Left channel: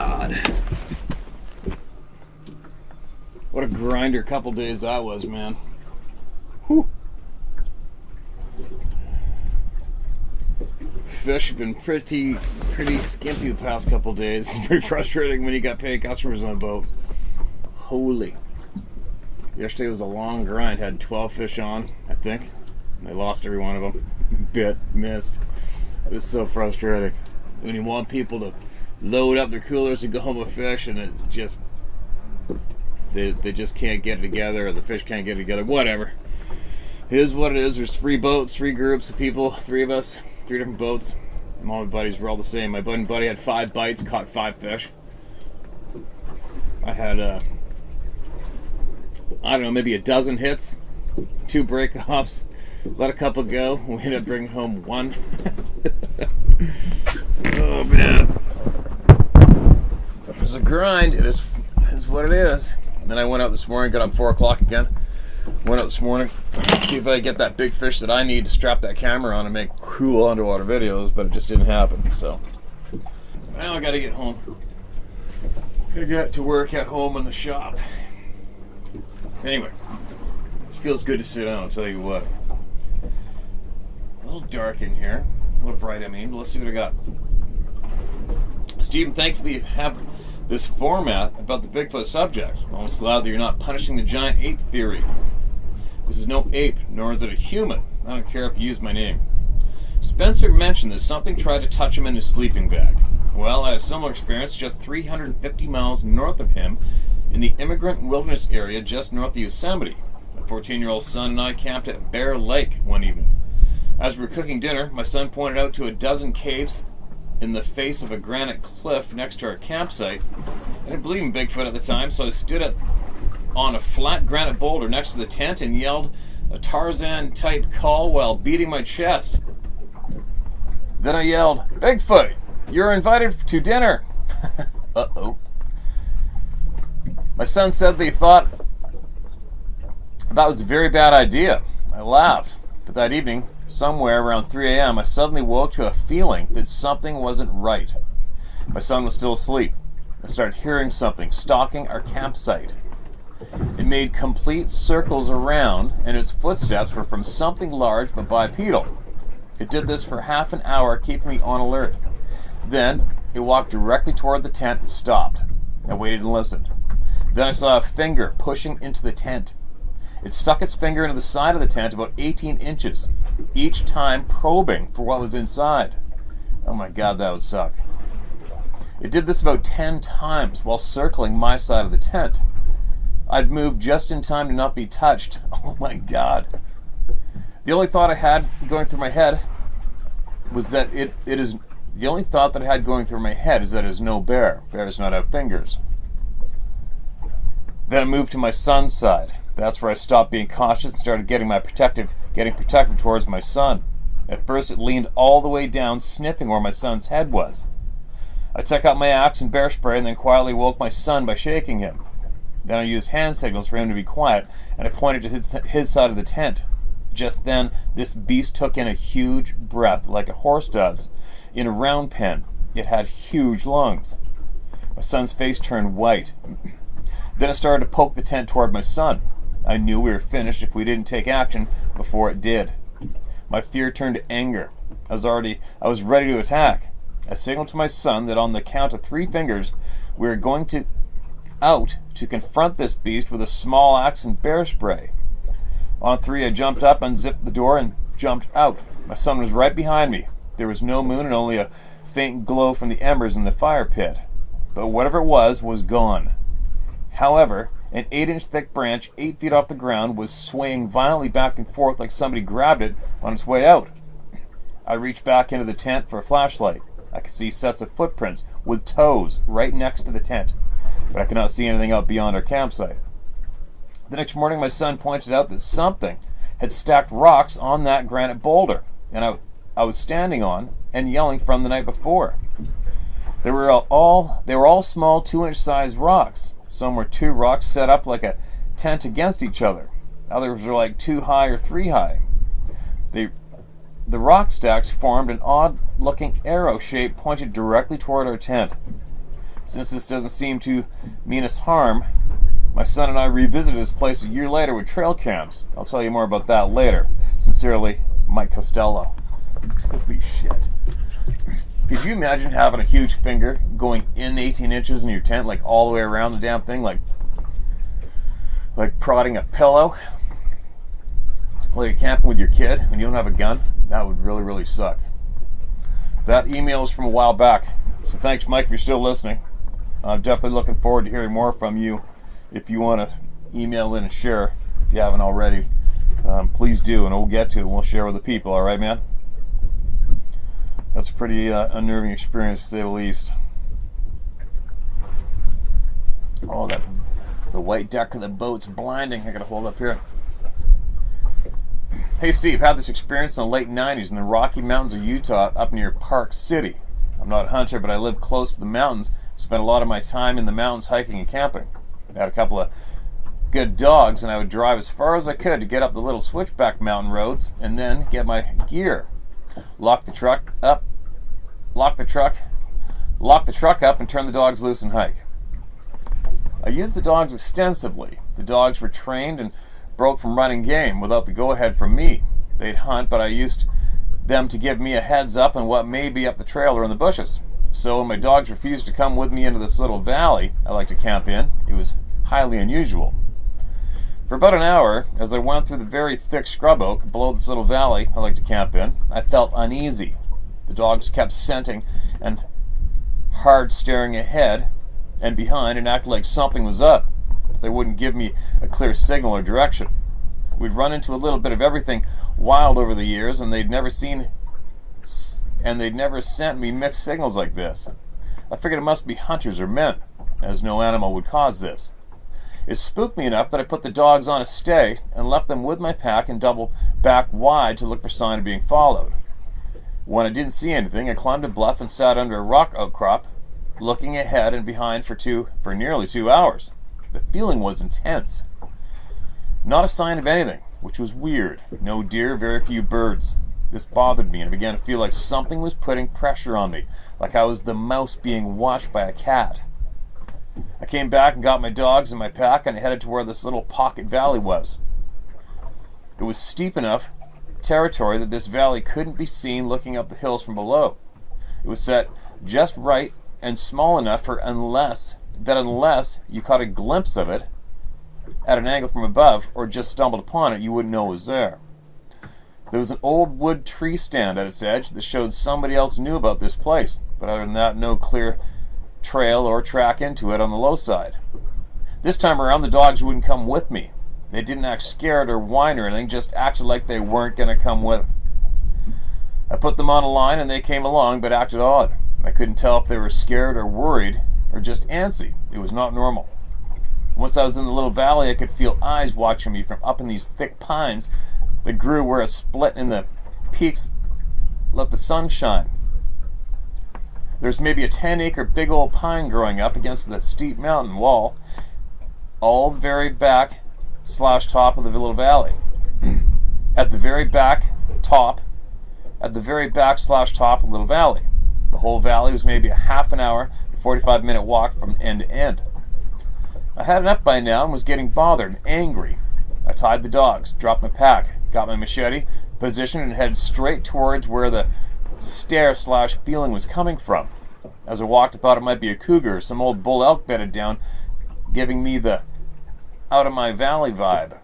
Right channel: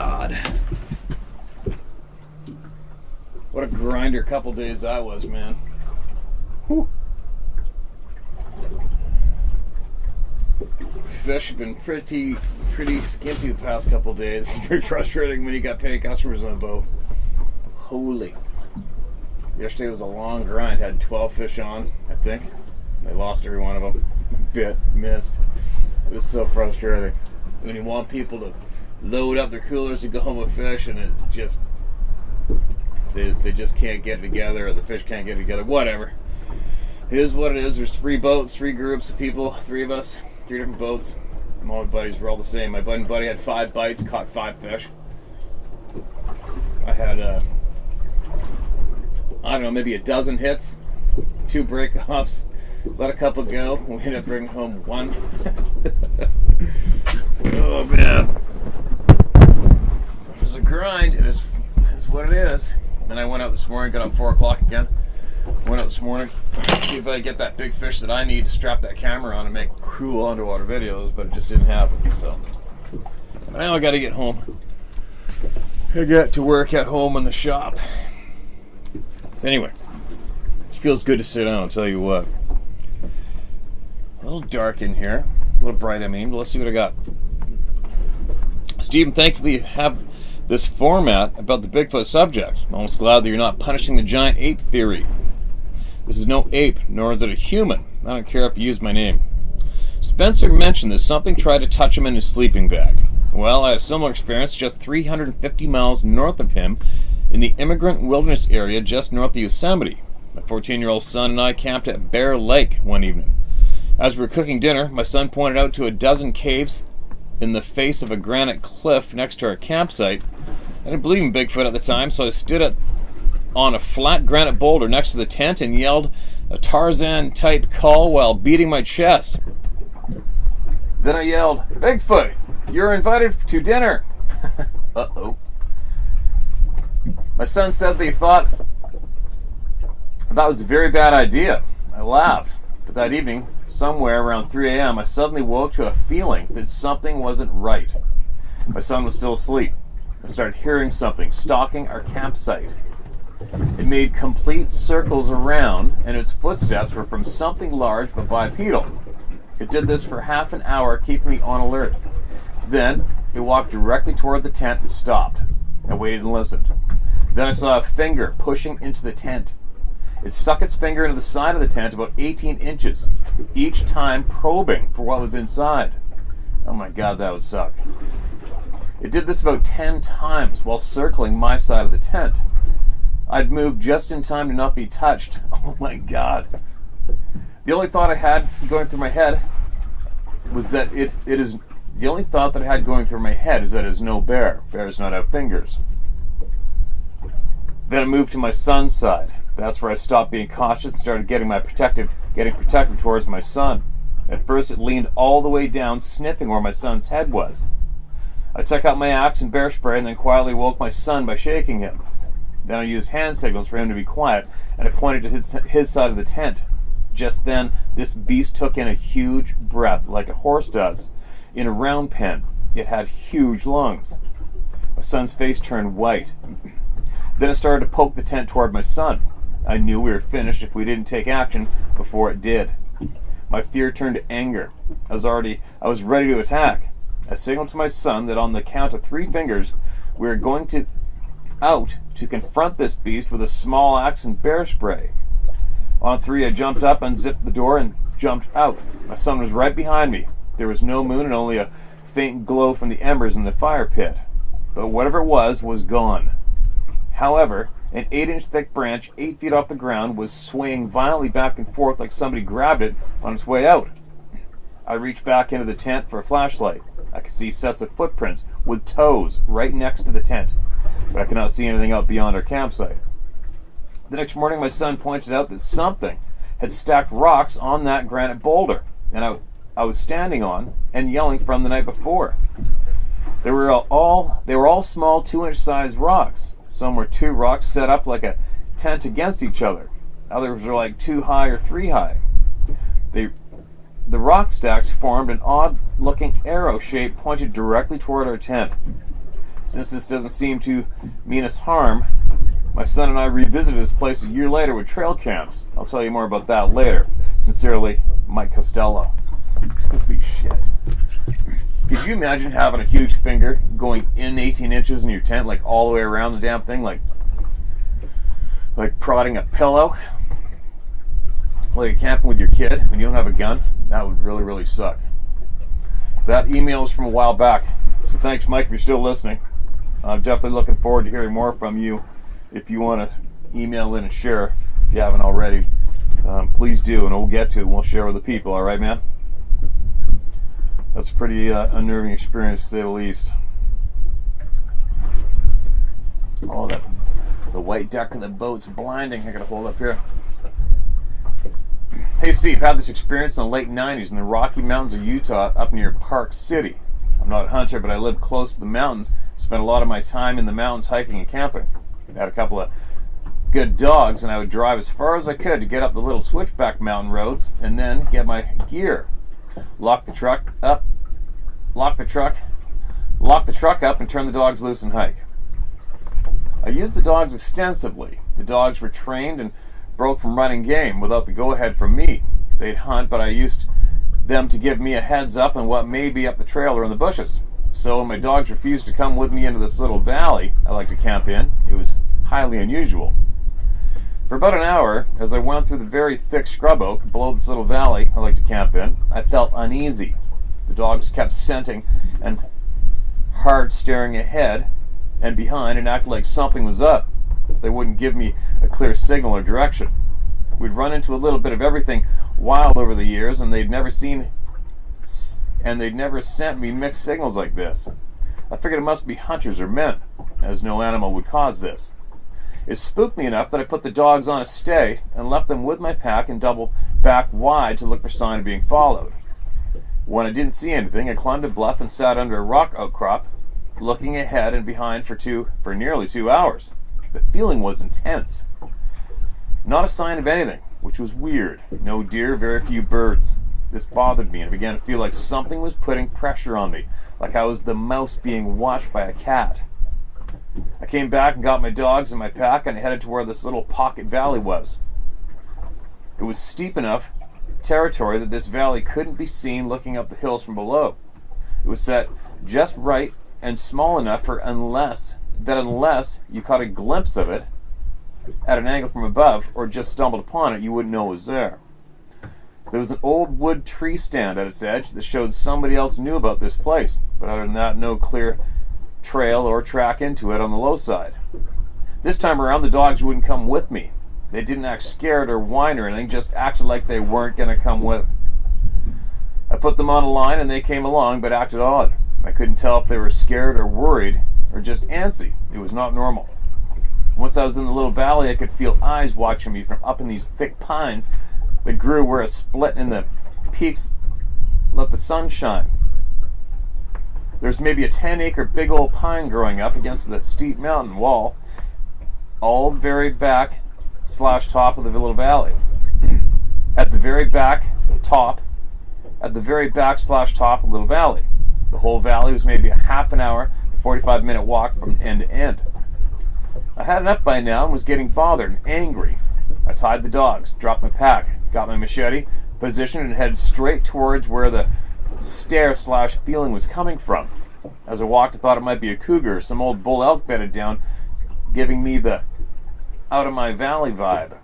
God. What a grinder couple days that was, man. Whew. Fish have been pretty skimpy the past couple days. It's pretty frustrating when you got paying customers on the boat. Holy. Yesterday was a long grind. Had 12 fish on, I think. I lost every one of them. Missed. It was so frustrating. When you want people to load up their coolers and go home with fish, and it just they just can't get it together, or the fish can't get it together. Whatever. It is what it is. There's 3 boats, 3 groups of people, 3 of us, 3 different boats. And all my buddies were all the same. My buddy had 5 bites, caught 5 fish. I had I don't know, maybe a dozen hits, 2 break-offs, let a couple go. We ended up bringing home 1. Oh, man. It was a grind. It is what it is. And then I went out this morning, got up 4 o'clock again. Went out this morning, see if I could get that big fish that I need to strap that camera on and make cool underwater videos, but it just didn't happen. So now I got to get home. I got to work at home in the shop. Anyway, it feels good to sit down, I'll tell you what. A little dark in here. A little bright, I mean. But let's see what I got. Stephen, thankfully you have this format about the Bigfoot subject. I'm almost glad that you're not punishing the giant ape theory. This is no ape, nor is it a human. I don't care if you use my name. Spencer mentioned that something tried to touch him in his sleeping bag. Well, I had a similar experience just 350 miles north of him in the Immigrant Wilderness area just north of Yosemite. My 14-year-old son and I camped at Bear Lake one evening. As we were cooking dinner, my son pointed out to a dozen caves in the face of a granite cliff next to our campsite. I didn't believe in Bigfoot at the time, so I stood on a flat granite boulder next to the tent and yelled a Tarzan-type call while beating my chest. Then I yelled, "Bigfoot, you're invited to dinner." Uh-oh. My son said that he thought that was a very bad idea. I laughed, but that evening, somewhere around 3 a.m., I suddenly woke to a feeling that something wasn't right. My son was still asleep. I started hearing something stalking our campsite. It made complete circles around, and its footsteps were from something large but bipedal. It did this for half an hour, keeping me on alert. Then, it walked directly toward the tent and stopped. I waited and listened. Then I saw a finger pushing into the tent. It stuck its finger into the side of the tent about 18 inches, each time probing for what was inside. Oh my God, that would suck. It did this about 10 times while circling my side of the tent. I'd moved just in time to not be touched. Oh my God. The only thought I had going through my head was that it is no bear. Bears not have fingers. Then I moved to my son's side. That's where I stopped being cautious and started getting protective towards my son. At first it leaned all the way down, sniffing where my son's head was. I took out my axe and bear spray and then quietly woke my son by shaking him. Then I used hand signals for him to be quiet, and I pointed to his side of the tent. Just then, this beast took in a huge breath, like a horse does, in a round pen. It had huge lungs. My son's face turned white. Then it started to poke the tent toward my son. I knew we were finished if we didn't take action before it did. My fear turned to anger. I was ready to attack. I signaled to my son that on the count of 3 fingers, we were going to confront this beast with a small axe and bear spray. On 3, I jumped up, unzipped the door, and jumped out. My son was right behind me. There was no moon and only a faint glow from the embers in the fire pit. But whatever it was gone. However, an 8-inch thick branch 8 feet off the ground was swaying violently back and forth like somebody grabbed it on its way out. I reached back into the tent for a flashlight. I could see sets of footprints with toes right next to the tent, but I could not see anything out beyond our campsite. The next morning, my son pointed out that something had stacked rocks on that granite boulder, and I was standing on and yelling from the night before. They were all small 2-inch sized rocks. Some were 2 rocks set up like a tent against each other. Others were like 2 high or 3 high. The rock stacks formed an odd-looking arrow shape pointed directly toward our tent. Since this doesn't seem to mean us harm, my son and I revisited this place a year later with trail cams. I'll tell you more about that later. Sincerely, Mike Costello. Holy shit. Could you imagine having a huge finger going in 18 inches in your tent, like all the way around the damn thing, like prodding a pillow while you're camping with your kid and you don't have a gun? That would really, really suck. That email is from a while back, so thanks, Mike, if you're still listening. I'm definitely looking forward to hearing more from you. If you want to email in and share, if you haven't already, please do, and we'll get to it and we'll share with the people. All right, man? That's a pretty unnerving experience, to say the least. Oh, the white deck of the boat's blinding. I gotta hold up here. Hey, Steve, had this experience in the late 90s in the Rocky Mountains of Utah up near Park City. I'm not a hunter, but I live close to the mountains. Spent a lot of my time in the mountains hiking and camping. I had a couple of good dogs, and I would drive as far as I could to get up the little switchback mountain roads and then get my gear. Lock the truck up and turn the dogs loose and hike. I used the dogs extensively. The dogs were trained and broke from running game without the go-ahead from me. They'd hunt, but I used them to give me a heads up on what may be up the trail or in the bushes. So when my dogs refused to come with me into this little valley I like to camp in, it was highly unusual. For about an hour, as I went through the very thick scrub oak below this little valley I like to camp in, I felt uneasy. The dogs kept scenting and hard staring ahead and behind and acted like something was up. They wouldn't give me a clear signal or direction. We'd run into a little bit of everything wild over the years, and they'd never sent me mixed signals like this. I figured it must be hunters or men, as no animal would cause this. It spooked me enough that I put the dogs on a stay and left them with my pack and doubled back wide to look for sign of being followed. When I didn't see anything, I climbed a bluff and sat under a rock outcrop, looking ahead and behind for nearly 2 hours. The feeling was intense. Not a sign of anything, which was weird. No deer, very few birds. This bothered me, and I began to feel like something was putting pressure on me, like I was the mouse being watched by a cat. I came back and got my dogs and my pack, and I headed to where this little pocket valley was. It was steep enough territory that this valley couldn't be seen looking up the hills from below. It was set just right and small enough for unless you caught a glimpse of it at an angle from above or just stumbled upon it, you wouldn't know it was there. There was an old wood tree stand at its edge that showed somebody else knew about this place, but other than that, no clear trail or track into it on the low side. This time around, the dogs wouldn't come with me. They didn't act scared or whine or anything, just acted like they weren't going to come with. I put them on a line and they came along, but acted odd. I couldn't tell if they were scared or worried or just antsy. It was not normal. Once I was in the little valley, I could feel eyes watching me from up in these thick pines that grew where a split in the peaks let the sun shine. There's maybe a 10-acre big old pine growing up against the steep mountain wall, all the very back / top of the little valley. At the very back / top of the little valley. The whole valley was maybe a half an hour, 45-minute walk from end to end. I had enough by now and was getting bothered and angry. I tied the dogs, dropped my pack, got my machete, positioned, and headed straight towards where the stare / feeling was coming from. As I walked, I thought it might be a cougar or some old bull elk bedded down, giving me the out of my valley vibe.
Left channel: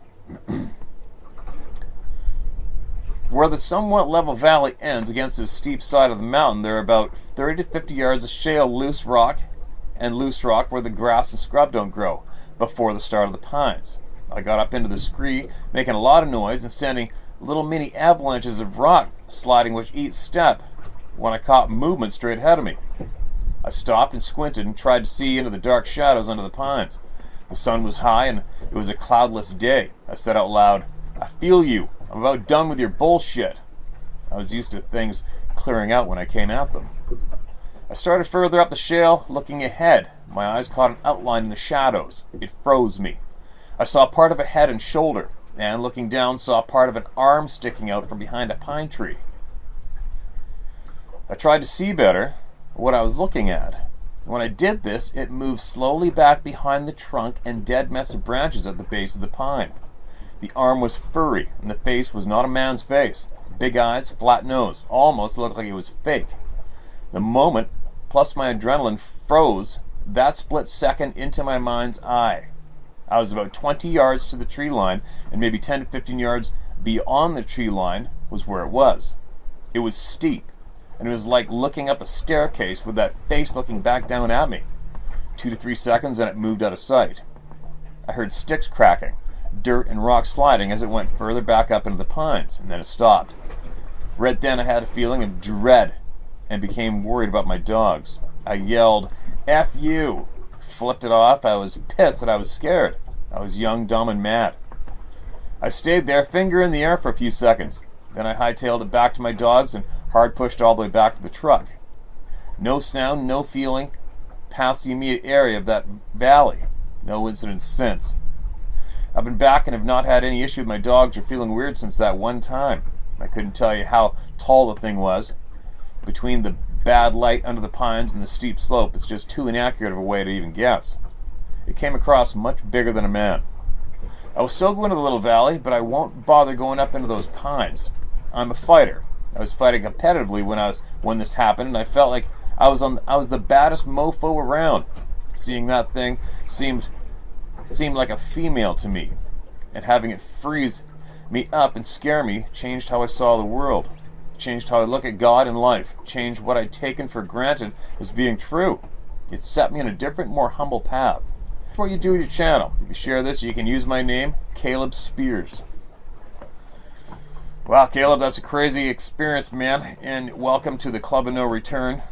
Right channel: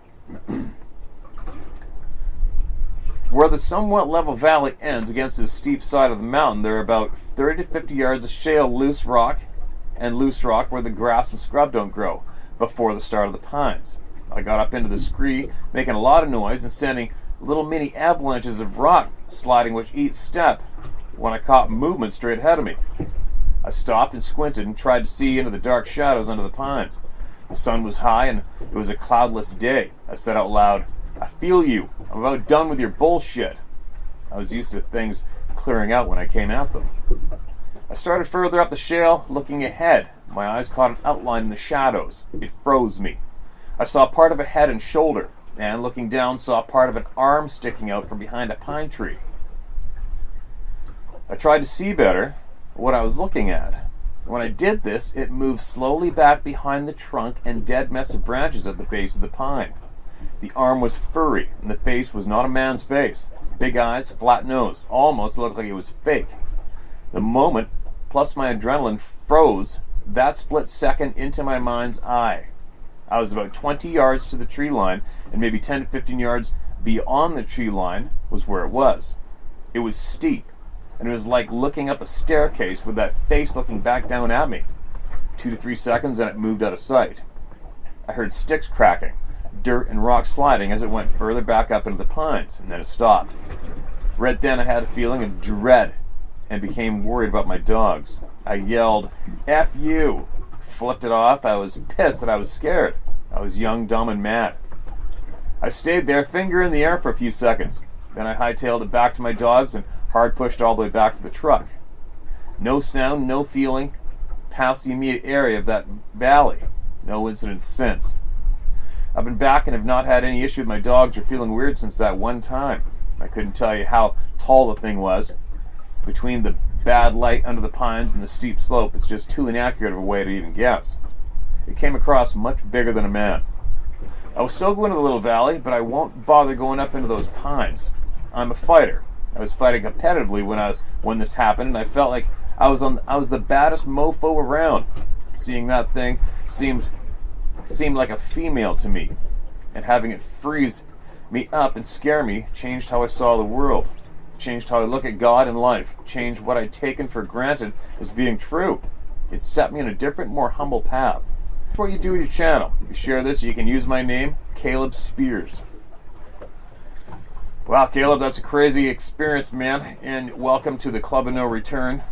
Where the somewhat level valley ends against the steep side of the mountain, there are about 30 to 50 yards of shale loose rock where the grass and scrub don't grow before the start of the pines. I got up into the scree, making a lot of noise and sending little mini avalanches of rock sliding with each step when I caught movement straight ahead of me. I stopped and squinted and tried to see into the dark shadows under the pines. The sun was high and it was a cloudless day. I said out loud, "I feel you. I'm about done with your bullshit." I was used to things clearing out when I came at them. I started further up the shale, looking ahead. My eyes caught an outline in the shadows. It froze me. I saw part of a head and shoulder, and looking down, saw part of an arm sticking out from behind a pine tree. I tried to see better what I was looking at. When I did this, it moved slowly back behind the trunk and dead mess of branches at the base of the pine. The arm was furry, and the face was not a man's face. Big eyes, flat nose, almost looked like it was fake. The moment, plus my adrenaline, froze that split second into my mind's eye. I was about 20 yards to the tree line, and maybe 10 to 15 yards beyond the tree line was where it was. It was steep, and it was like looking up a staircase with that face looking back down at me. 2 to 3 seconds, and it moved out of sight. I heard sticks cracking, dirt and rocks sliding as it went further back up into the pines, and then it stopped. Right then I had a feeling of dread and became worried about my dogs. I yelled, "F you!" Flipped it off. I was pissed that I was scared. I was young, dumb, and mad. I stayed there, finger in the air for a few seconds. Then I hightailed it back to my dogs and hard pushed all the way back to the truck. No sound, no feeling, past the immediate area of that valley. No incident since. I've been back and have not had any issue with my dogs or feeling weird since that one time. I couldn't tell you how tall the thing was. Between the bad light under the pines and the steep slope, it's just too inaccurate of a way to even guess. It came across much bigger than a man. I will still go into the little valley, but I won't bother going up into those pines. I'm a fighter. I was fighting competitively when this happened, and I felt like I was the baddest mofo around. Seeing that thing seemed like a female to me, and having it freeze me up and scare me changed how I saw the world. Changed how I look at God and life. Changed what I'd taken for granted as being true. It set me on a different, more humble path. That's what you do with your channel. If you share this, you can use my name, Caleb Spears. Wow, Caleb, that's a crazy experience, man. And welcome to the Club of No Return.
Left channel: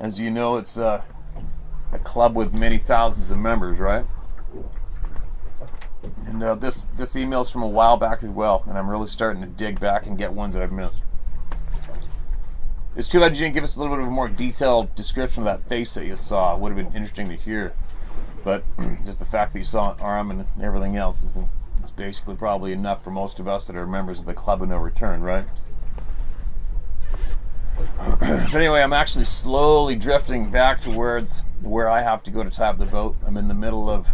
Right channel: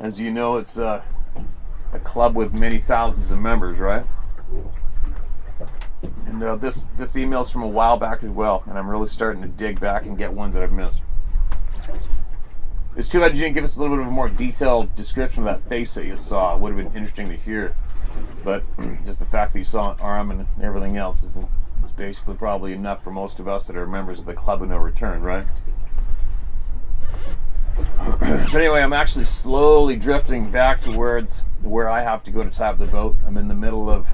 As you know, it's a club with many thousands of members, right? And this email's from a while back as well, and I'm really starting to dig back and get ones that I've missed. It's too bad you didn't give us a little bit of a more detailed description of that face that you saw. It would have been interesting to hear. But just the fact that you saw an arm and everything else is basically probably enough for most of us that are members of the Club of No Return, right? But anyway, I'm actually slowly drifting back towards where I have to go to tap the boat. I'm in the middle of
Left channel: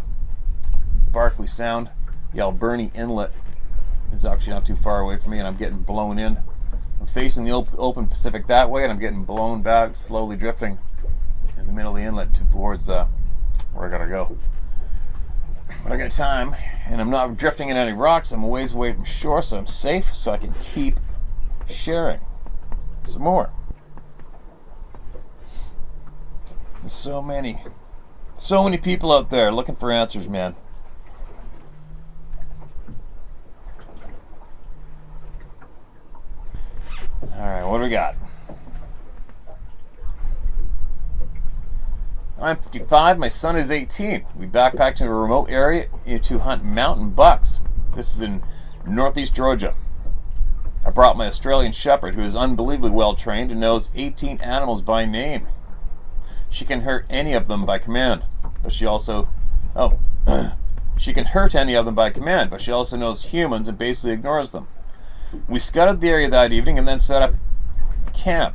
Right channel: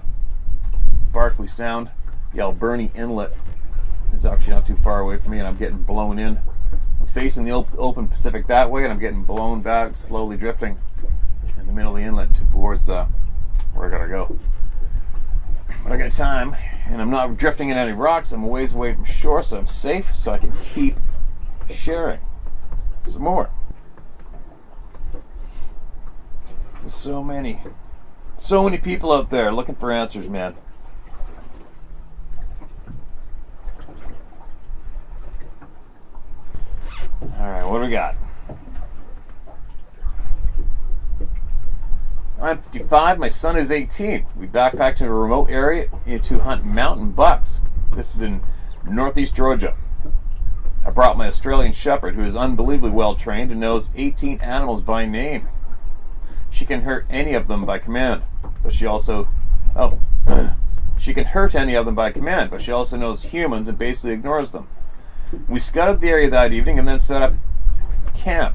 Barkley Sound. The Alberni Inlet is actually not too far away from me, and I'm getting blown in. I'm facing the open Pacific that way, and I'm getting blown back, slowly drifting in the middle of the inlet towards where I gotta go. But I got time, and I'm not drifting in any rocks. I'm a ways away from shore, so I'm safe, so I can keep sharing some more. There's so many people out there looking for answers, man. Alright, what do we got? I'm 55, my son is 18. We backpacked in a remote area to hunt mountain bucks. This is in northeast Georgia. I brought my Australian Shepherd, who is unbelievably well trained and knows 18 animals by name. She can hurt any of them by command, but she also... she can hurt any of them by command, but she also knows humans and basically ignores them. We scouted the area that evening and then set up camp.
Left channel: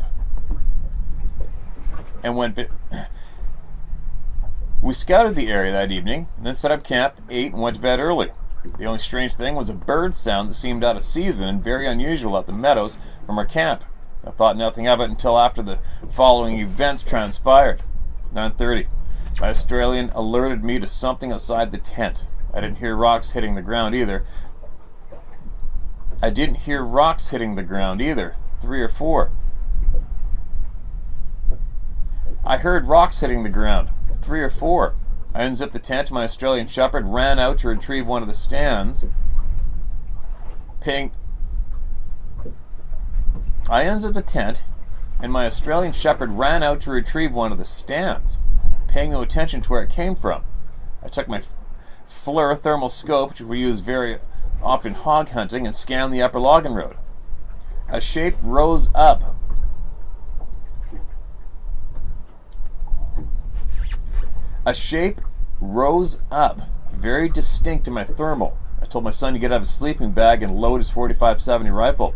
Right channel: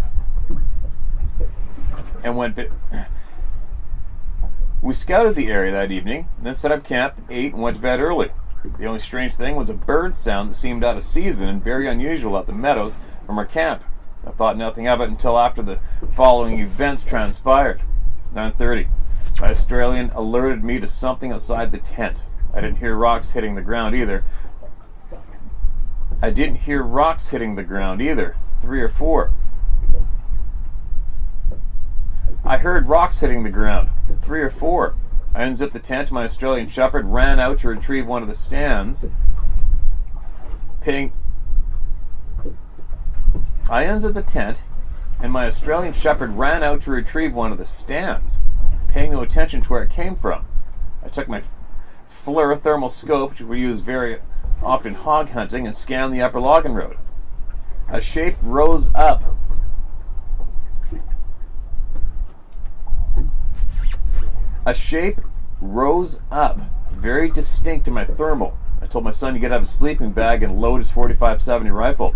We scouted the area that evening, then set up camp, ate, and went to bed early. The only strange thing was a bird sound that seemed out of season and very unusual at the meadows from our camp. I thought nothing of it until after the following events transpired. 9:30. My Australian alerted me to something outside the tent. I didn't hear rocks hitting the ground either. 3 or 4. I heard rocks hitting the ground. 3 or 4. I unzipped the tent. My Australian Shepherd ran out to retrieve one of the stands. I unzipped the tent, and my Australian Shepherd ran out to retrieve one of the stands, paying no attention to where it came from. I took my FLIR thermal scope, which we use very often hog hunting, and scanned the upper logging road. A shape rose up. Very distinct to my thermal. I told my son to get out of his sleeping bag and load his .45-70 rifle.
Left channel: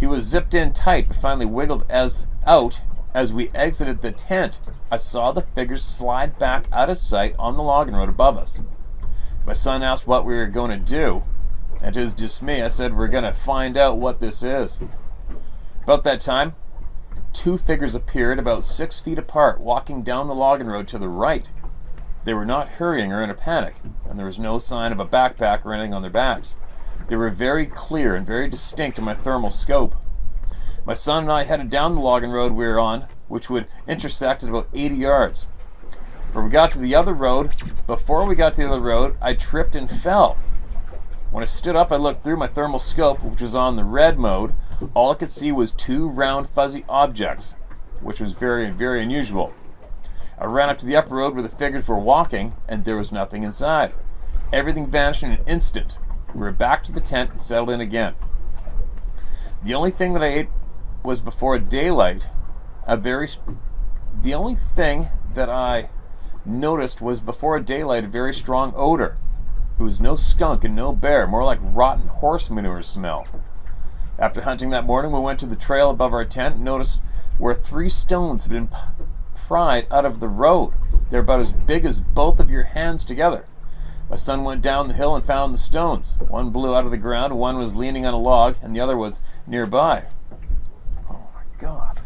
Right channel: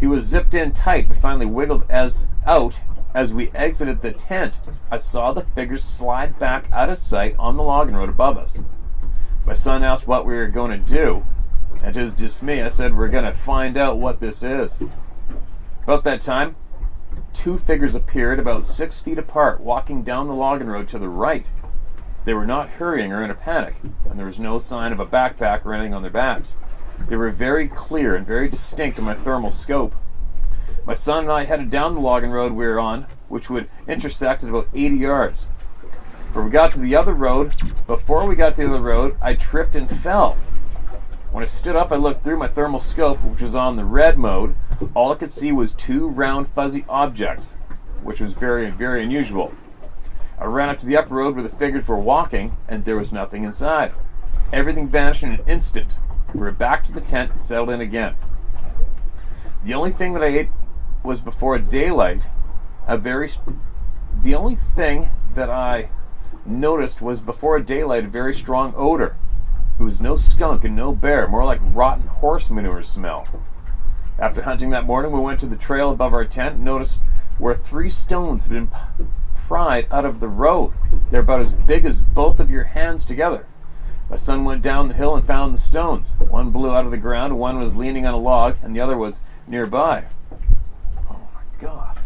He was zipped in tight, but finally wiggled out As we exited the tent, I saw the figures slide back out of sight on the logging road above us. My son asked what we were going to do, and to his dismay, I said, "We're going to find out what this is." About that time, two figures appeared about 6 feet apart, walking down the logging road to the right. They were not hurrying or in a panic, and there was no sign of a backpack or anything on their backs. They were very clear and very distinct in my thermal scope. My son and I headed down the logging road we were on, which would intersect at about 80 yards. Before we got to the other road, I tripped and fell. When I stood up, I looked through my thermal scope, which was on the red mode. All I could see was two round, fuzzy objects, which was very, very unusual. I ran up to the upper road where the figures were walking, and there was nothing inside. Everything vanished in an instant. We were back to the tent and settled in again. The only thing that I ate was before daylight. The only thing that I noticed was before daylight a very strong odor. It was no skunk and no bear, more like rotten horse manure smell. After hunting that morning, we went to the trail above our tent and noticed where 3 stones had been pried out of the road. They're about as big as both of your hands together. My son went down the hill and found the stones. One blew out of the ground, one was leaning on a log, and the other was nearby. Oh my God.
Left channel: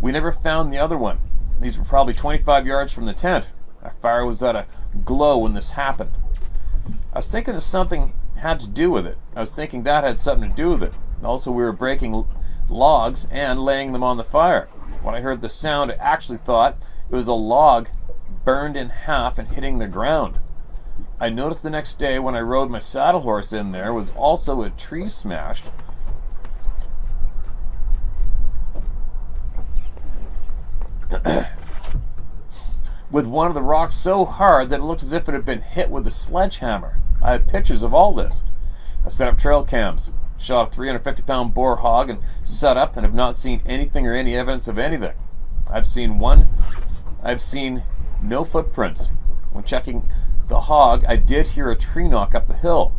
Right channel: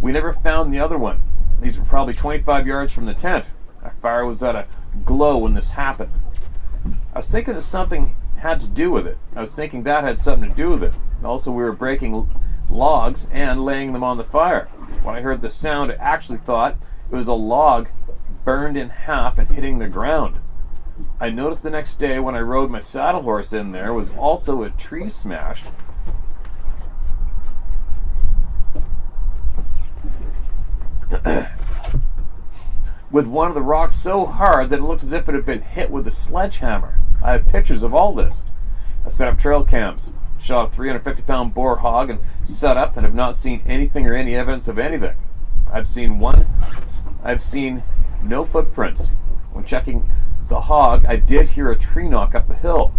We never found the other one. These were probably 25 yards from the tent. Our fire was at a glow when this happened. I was thinking that something had to do with it. Also, we were breaking logs and laying them on the fire. When I heard the sound, I actually thought it was a log burned in half and hitting the ground. I noticed the next day when I rode my saddle horse in there was also a tree smashed. With one of the rocks so hard that it looked as if it had been hit with a sledgehammer. I have pictures of all this. I set up trail cams, shot a 350-pound boar hog and set up, and have not seen anything or any evidence of anything. I've seen no footprints. When checking the hog, I did hear a tree knock up the hill.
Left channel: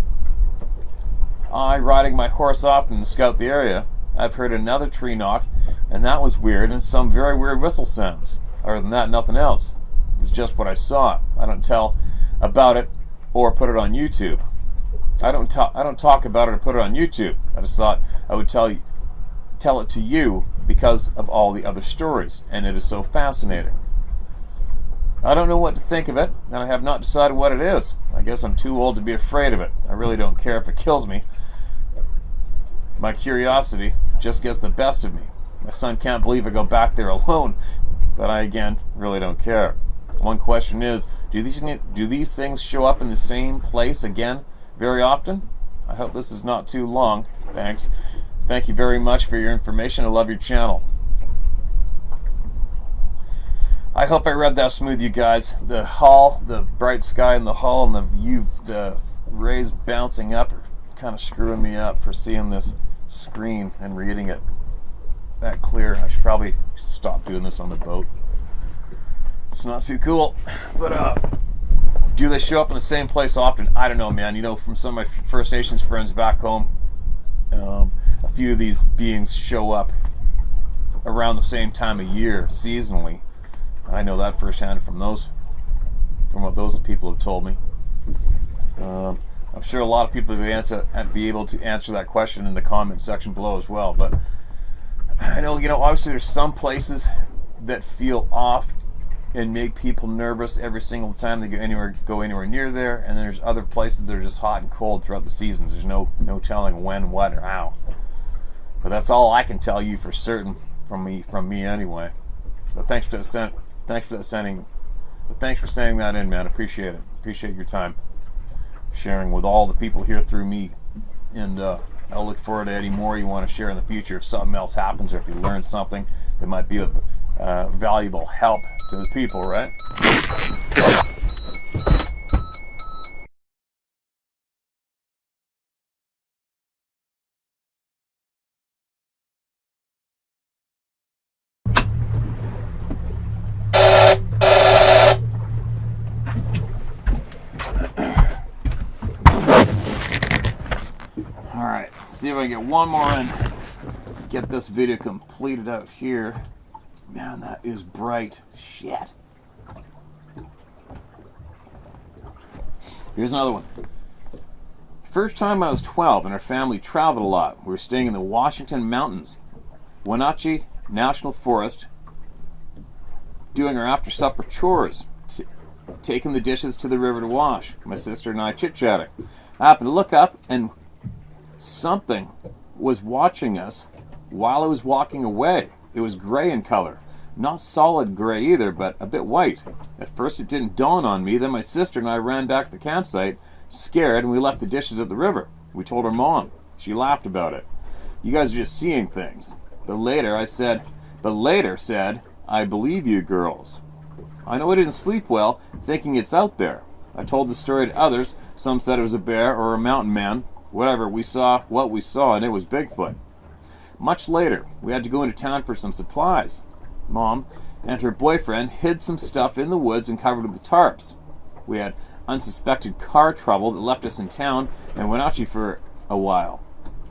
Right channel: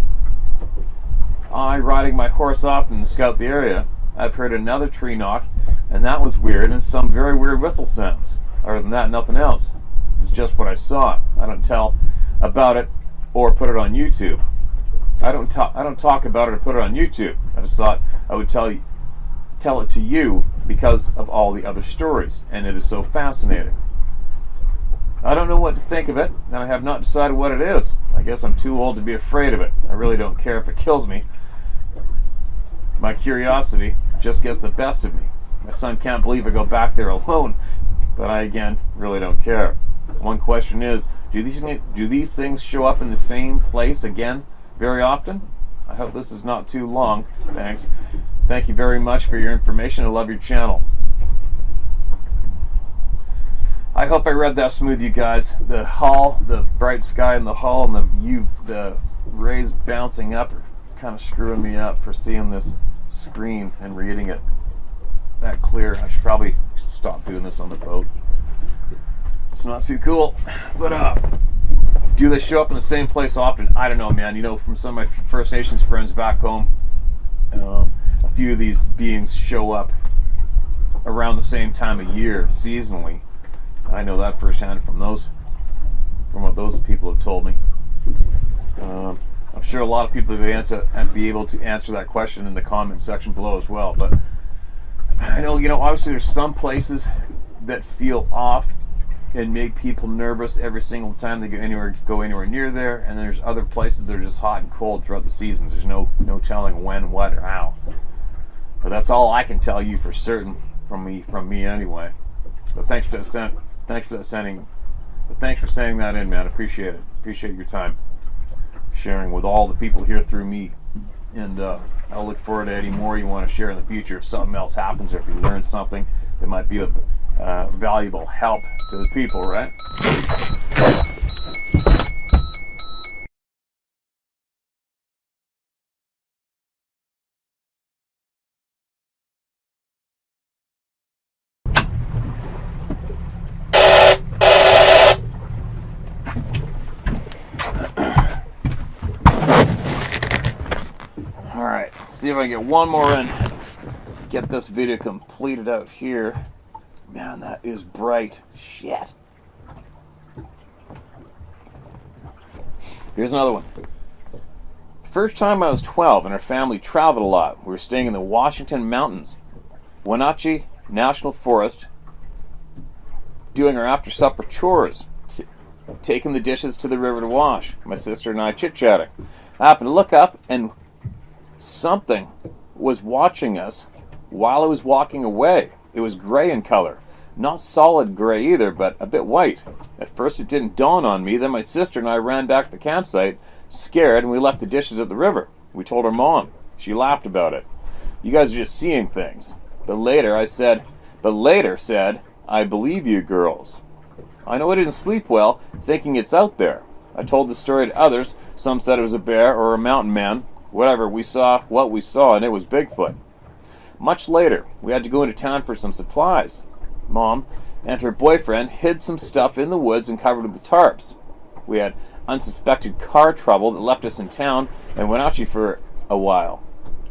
Riding my horse often to scout the area, I've heard another tree knock, and that was weird, and some very weird whistle sounds. Other than that, nothing else. It's just what I saw. I don't tell about it or put it on YouTube. I don't talk about it or put it on YouTube. I just thought I would tell it to you because of all the other stories, and it is so fascinating. I don't know what to think of it, and I have not decided what it is. I guess I'm too old to be afraid of it. I really don't care if it kills me. My curiosity just gets the best of me. My son can't believe I go back there alone, but I, again, really don't care. One question is, do these things show up in the same place again very often? I hope this is not too long. Thanks. Thank you very much for your information. I love your channel. I hope I read that smooth, you guys. The hull, the bright sky in the hull, and the rays bouncing up are kind of screwing me up for seeing this screen and reading it that clear. I should probably stop doing this on the boat. It's not too cool. But do they show up in the same place often? I don't know, man. You know, from some of my First Nations friends back home, a few of these beings show up around the same time of year, seasonally. I know that firsthand from what those people have told me. I'm sure a lot of people will be able to answer that question in the comment section below as well. But I know, obviously there's some places that feel off and make people nervous every single time they go anywhere near there, and then there's other places that are just hot and cold throughout the seasons. There's no telling when, what, or how. But that's all I can tell you for certain from me anyway. But thanks for sending that in, man. Appreciate it. Appreciate your time sharing with all the people here through me, and I'll look forward to any more you want to share in the future. If something else happens, or if you learn something that might be of valuable help to the people, right? All right. see if I can get one more in. Get this video completed out here. Man, that is bright. Shit. Here's another one. First time I was 12 and our family traveled a lot. We were staying in the Washington Mountains, Wenatchee National Forest, doing our after-supper chores, taking the dishes to the river to wash. My sister and I chit-chatting. I happened to look up and something was watching us while I was walking away. It was gray in color. Not solid gray either, but a bit white. At first it didn't dawn on me. Then my sister and I ran back to the campsite, scared, and we left the dishes at the river. We told our mom. She laughed about it. You guys are just seeing things. But later said, I believe you girls. I know I didn't sleep well, thinking it's out there. I told the story to others. Some said it was a bear or a mountain man. Whatever, we saw what we saw, and it was Bigfoot. Much later, we had to go into town for some supplies. Mom and her boyfriend hid some stuff in the woods and covered with the tarps. We had unsuspected car trouble that left us in town and Wenatchee for a while.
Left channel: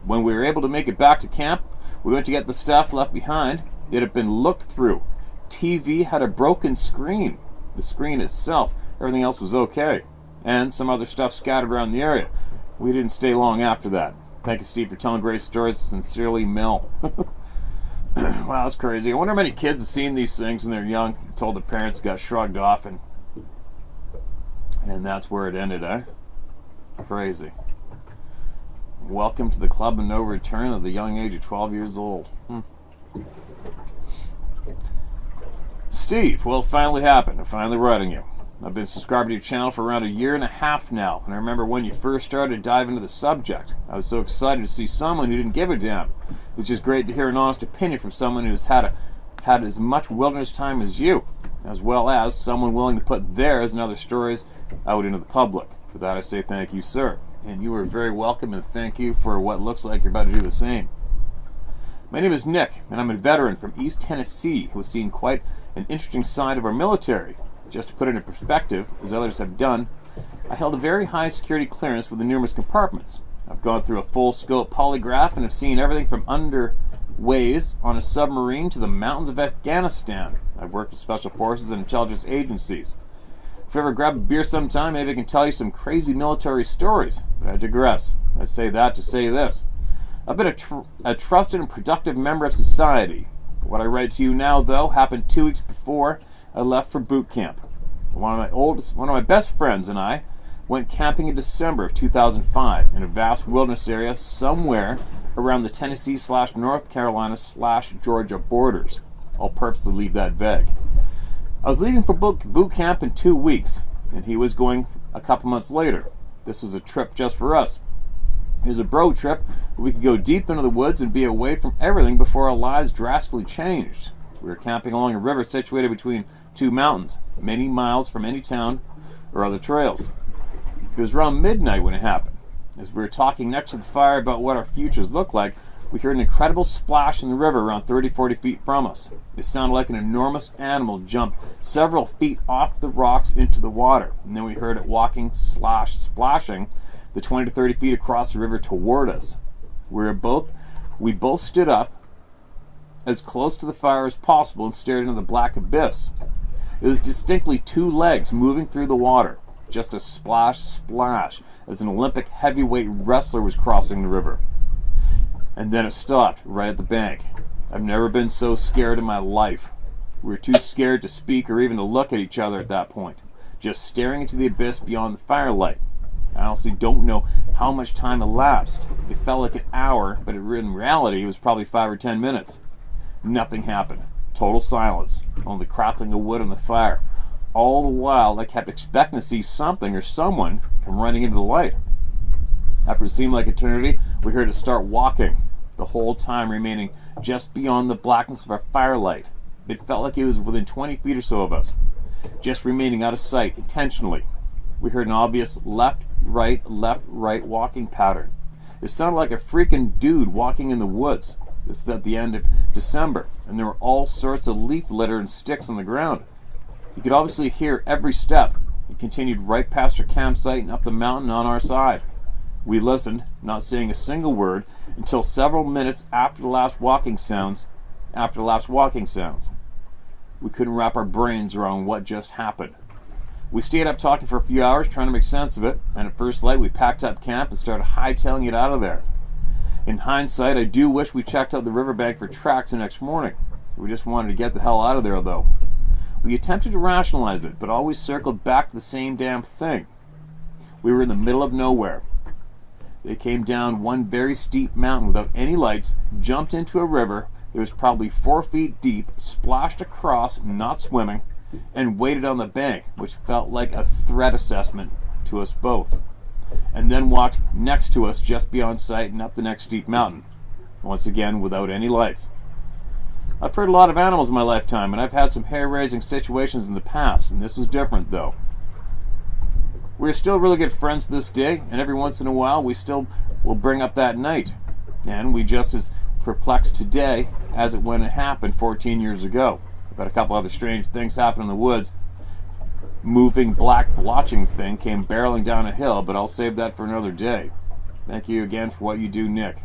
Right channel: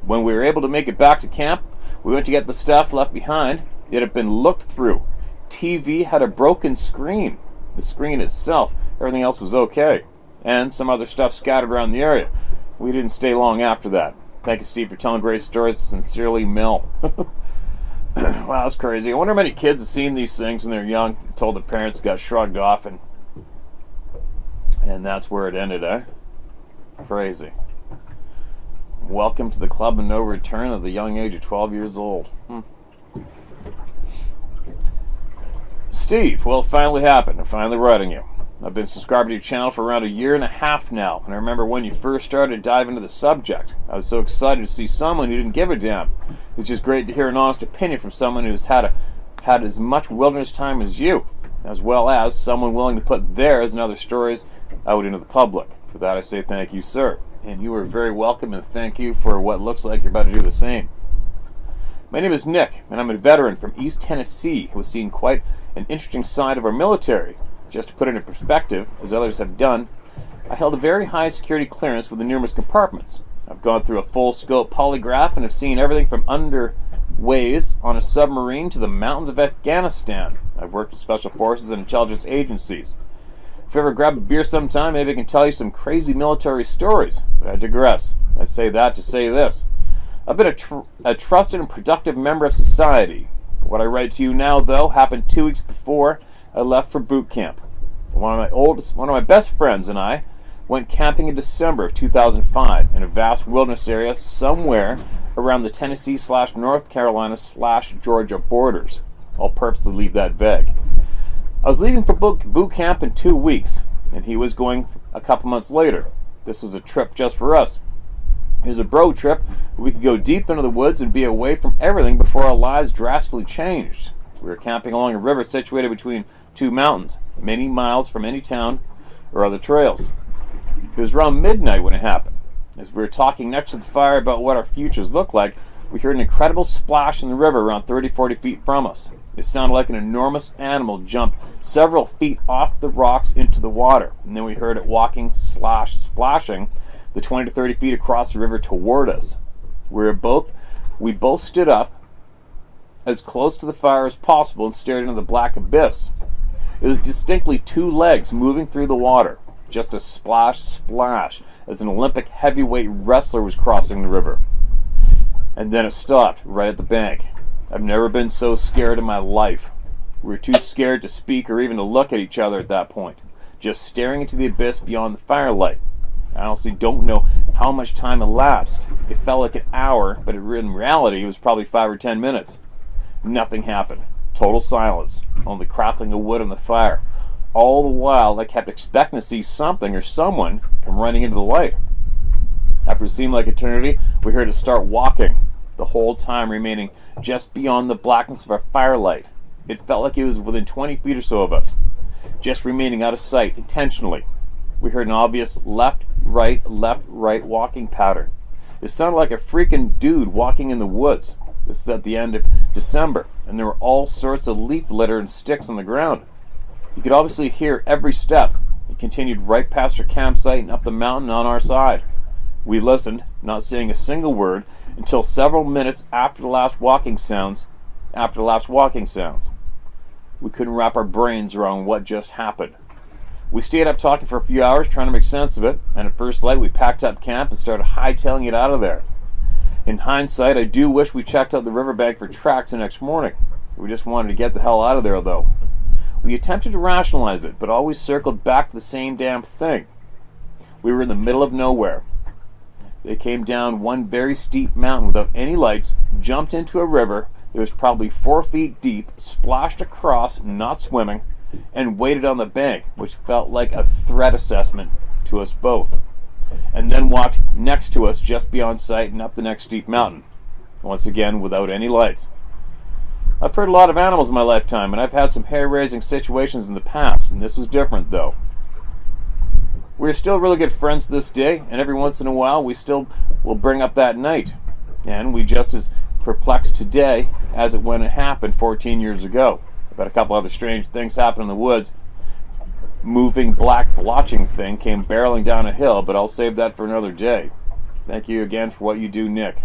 When we were able to make it back to camp, we went to get the stuff left behind. It had been looked through. TV had a broken screen. The screen itself, everything else was okay. And some other stuff scattered around the area. We didn't stay long after that. Thank you, Steve, for telling great stories. Sincerely, Mel. Wow, that's crazy. I wonder how many kids have seen these things when they're young, told the parents, got shrugged off, and that's where it ended, eh? Crazy. Welcome to the club of no return at the young age of 12 years old. Steve, well, it finally happened. I'm finally writing you. I've been subscribed to your channel for around 1.5 years now, and I remember when you first started to dive into the subject. I was so excited to see someone who didn't give a damn. It's just great to hear an honest opinion from someone who's had as much wilderness time as you, as well as someone willing to put theirs and other stories out into the public. For that I say thank you, sir. And you are very welcome, and thank you for what looks like you're about to do the same. My name is Nick, and I'm a veteran from East Tennessee who has seen quite an interesting side of our military. Just to put it in perspective, as others have done, I held a very high security clearance with the numerous compartments. I've gone through a full-scope polygraph and have seen everything from underways on a submarine to the mountains of Afghanistan. I've worked with special forces and intelligence agencies. If you ever grab a beer sometime, maybe I can tell you some crazy military stories, but I digress. I say that to say this. I've been a trusted and productive member of society. What I write to you now, though, happened 2 weeks before I left for boot camp. One of my best friends and I went camping in December of 2005 in a vast wilderness area somewhere around the Tennessee/North Carolina/Georgia borders. I'll purposely leave that vague. I was leaving for boot camp in 2 weeks, and he was going a couple months later. This was a trip just for us. It was a bro trip where we could go deep into the woods and be away from everything before our lives drastically changed. We were camping along a river situated between 2 mountains, many miles from any town or other trails. It was around midnight when it happened. As we were talking next to the fire about what our futures looked like, we heard an incredible splash in the river around 30-40 feet from us. It sounded like an enormous animal jumped several feet off the rocks into the water, and then we heard it splashing the 20 to 30 feet across the river toward us. We both stood up as close to the fire as possible and stared into the black abyss. It was distinctly 2 legs moving through the water, just a splash, as an Olympic heavyweight wrestler was crossing the river. And then it stopped right at the bank. I've never been so scared in my life. We were too scared to speak or even to look at each other at that point, just staring into the abyss beyond the firelight. I honestly don't know how much time elapsed. It felt like an hour, but in reality it was probably 5 or 10 minutes. Nothing happened. Total silence. Only the crackling of wood on the fire. All the while I kept expecting to see something or someone come running into the light. After it seemed like eternity, we heard it start walking, the whole time remaining just beyond the blackness of our firelight. It felt like it was within 20 feet or so of us, just remaining out of sight intentionally. We heard an obvious left, right walking pattern. It sounded like a freaking dude walking in the woods. This is at the end of December, and there were all sorts of leaf litter and sticks on the ground. You could obviously hear every step. It continued right past our campsite and up the mountain on our side. We listened, not saying a single word, until several minutes after the last walking sounds. We couldn't wrap our brains around what just happened. We stayed up talking for a few hours trying to make sense of it, and at first light we packed up camp and started hightailing it out of there. In hindsight, I do wish we checked out the riverbank for tracks the next morning. We just wanted to get the hell out of there, though. We attempted to rationalize it, but always circled back to the same damn thing. We were in the middle of nowhere. They came down one very steep mountain without any lights, jumped into a river that was probably 4 feet deep, splashed across, not swimming, and waited on the bank, which felt like a threat assessment to us both, and then walked next to us just beyond sight and up the next steep mountain, once again without any lights. I've heard a lot of animals in my lifetime, and I've had some hair-raising situations in the past, and this was different, though. We're still really good friends to this day, and every once in a while we still will bring up that night, and we just as perplexed today as it when it happened 14 years ago. I've had a couple other strange things happen in the woods. Moving black blotching thing came barreling down a hill, but I'll save that for another day. Thank you again for what you do, Nick.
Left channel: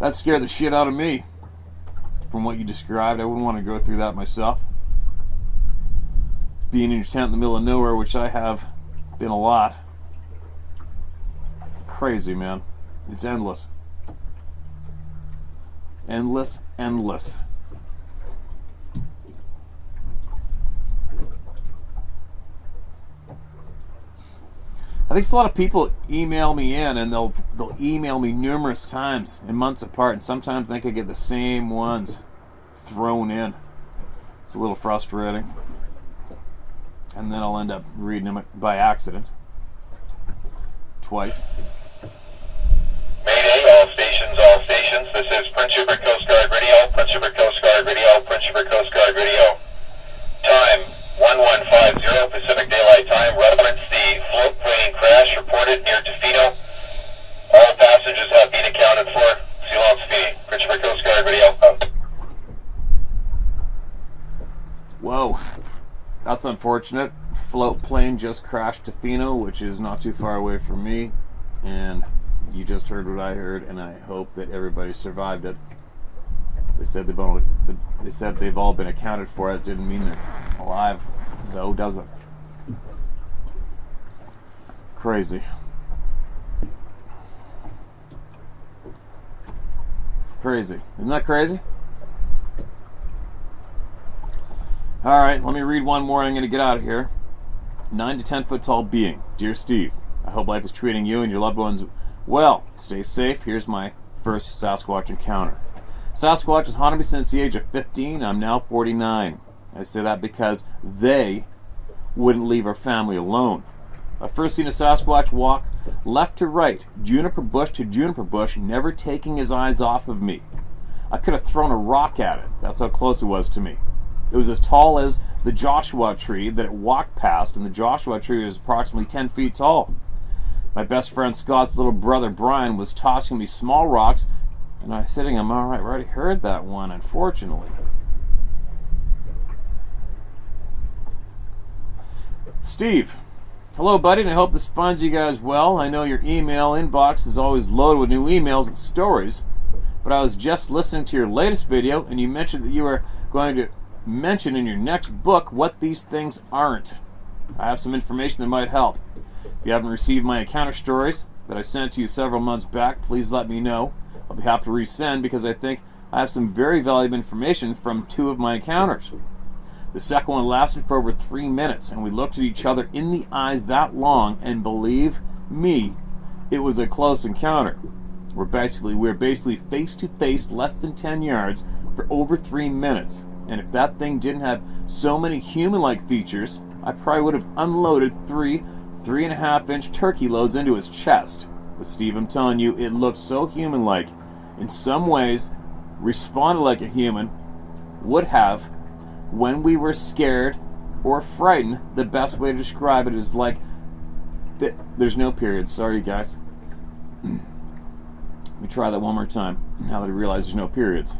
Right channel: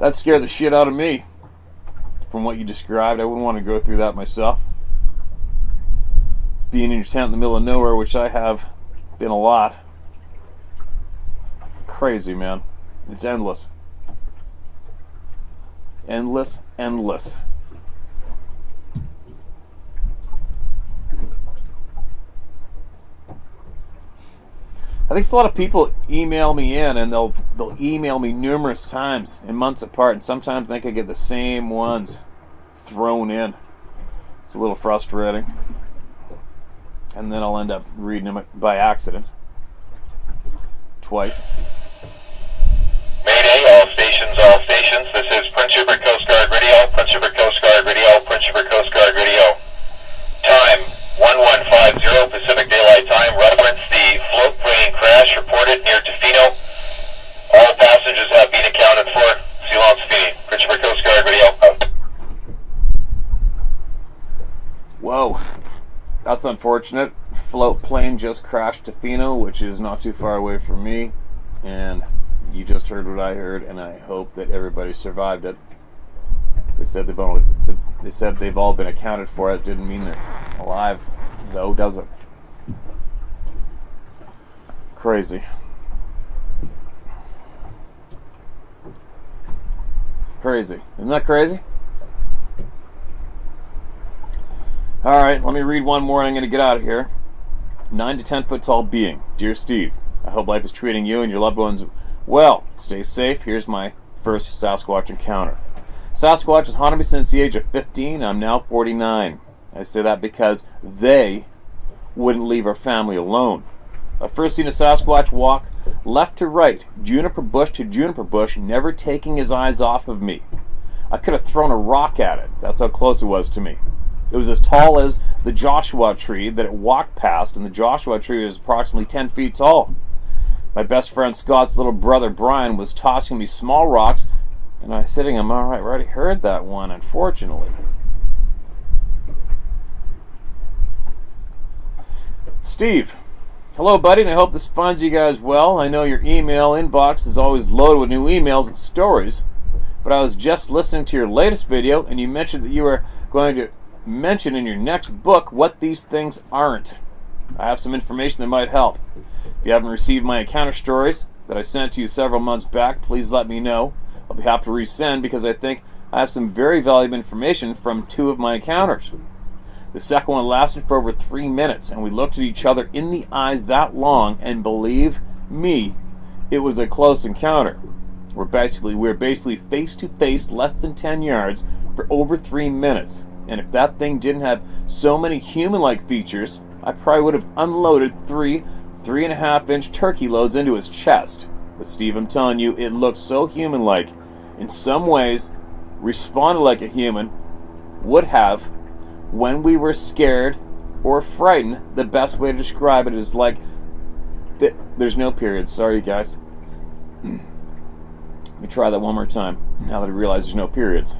That scared the shit out of me. From what you described, I wouldn't want to go through that myself. Being in your tent in the middle of nowhere, which I have been a lot. Crazy, man. It's endless. Endless. I think a lot of people email me in, and they'll email me numerous times and months apart, and sometimes I think I get the same ones thrown in. It's a little frustrating. And then I'll end up reading them by accident. Twice. Mayday, all stations. This is Prince Rupert Coast Guard Radio, Prince Rupert Coast Guard Radio, Prince Rupert Coast Guard Radio. Time, 1150 Pacific Daylight Time. Reference, the float plane crash reported near Tofino. All passengers have been accounted for. Ceylon Spini, Prince Rupert Coast Guard Radio. Whoa. That's unfortunate. Float plane just crashed Tofino, which is not too far away from me. And you just heard what I heard, and I hope that everybody survived it. They said they've all been accounted for. It didn't mean they're alive, though, does it? Crazy. Crazy. Isn't that crazy? Alright, let me read one more and I'm going to get out of here. 9 to 10 foot tall being. Dear Steve, I hope life is treating you and your loved ones well. Stay safe. Here's my first Sasquatch encounter. Sasquatch has haunted me since the age of 15. I'm now 49. I say that because they wouldn't leave our family alone. I've first seen a Sasquatch walk left to right, juniper bush to juniper bush, never taking his eyes off of me. I could have thrown a rock at it. That's how close it was to me. It was as tall as the Joshua tree that it walked past, and the Joshua tree was approximately 10 feet tall. My best friend Scott's little brother Brian was tossing me small rocks, and I was sitting, I'm alright, we already heard that one, unfortunately. Steve, hello buddy, and I hope this finds you guys well. I know your email inbox is always loaded with new emails and stories, but I was just listening to your latest video, and you mentioned that you were going to mention in your next book what these things aren't. I have some information that might help. If you haven't received my encounter stories that I sent to you several months back, please let me know. I'll be happy to resend because I think I have some very valuable information from 2 of my encounters. The second one lasted for over 3 minutes, and we looked at each other in the eyes that long, and believe me, it was a close encounter. We're basically face to face, less than 10 yards, for over 3 minutes. And if that thing didn't have so many human-like features, I probably would have unloaded 3.5-inch turkey loads into his chest. But Steve, I'm telling you, it looked so human-like. In some ways, responded like a human would have when we were scared or frightened. The best way to describe it is like there's no periods. Sorry, guys. Let me try that one more time, now that I realize there's no periods.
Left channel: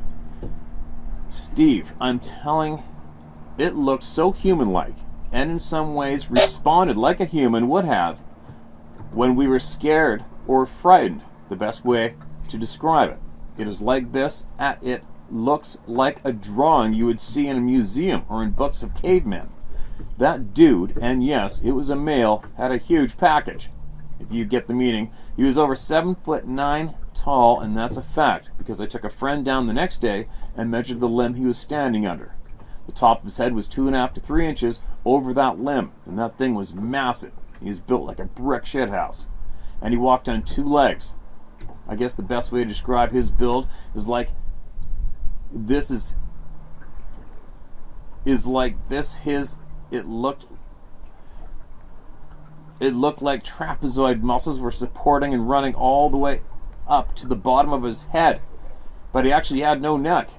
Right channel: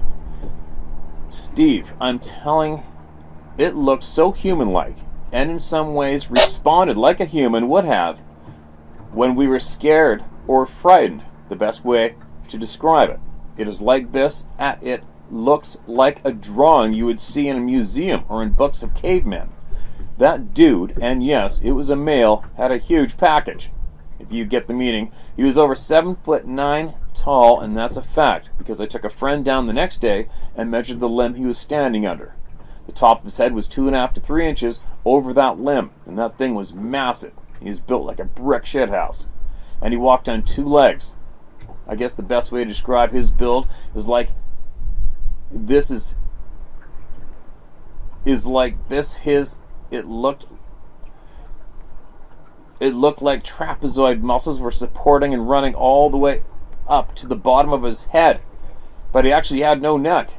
Steve, I'm telling, it looked so human-like, and in some ways responded like a human would have when we were scared or frightened, the best way to describe it. It is like this. It looks like a drawing you would see in a museum or in books of cavemen. That dude, and yes, it was a male, had a huge package. If you get the meaning, he was over 7'9" tall, and that's a fact, because I took a friend down the next day and measured the limb he was standing under. The top of his head was 2.5 to 3 inches over that limb, and that thing was massive. He was built like a brick shithouse, and he walked on 2 legs. I guess the best way to describe his build is like this. It looked like trapezoid muscles were supporting and running all the way up to the bottom of his head, but he actually had no neck.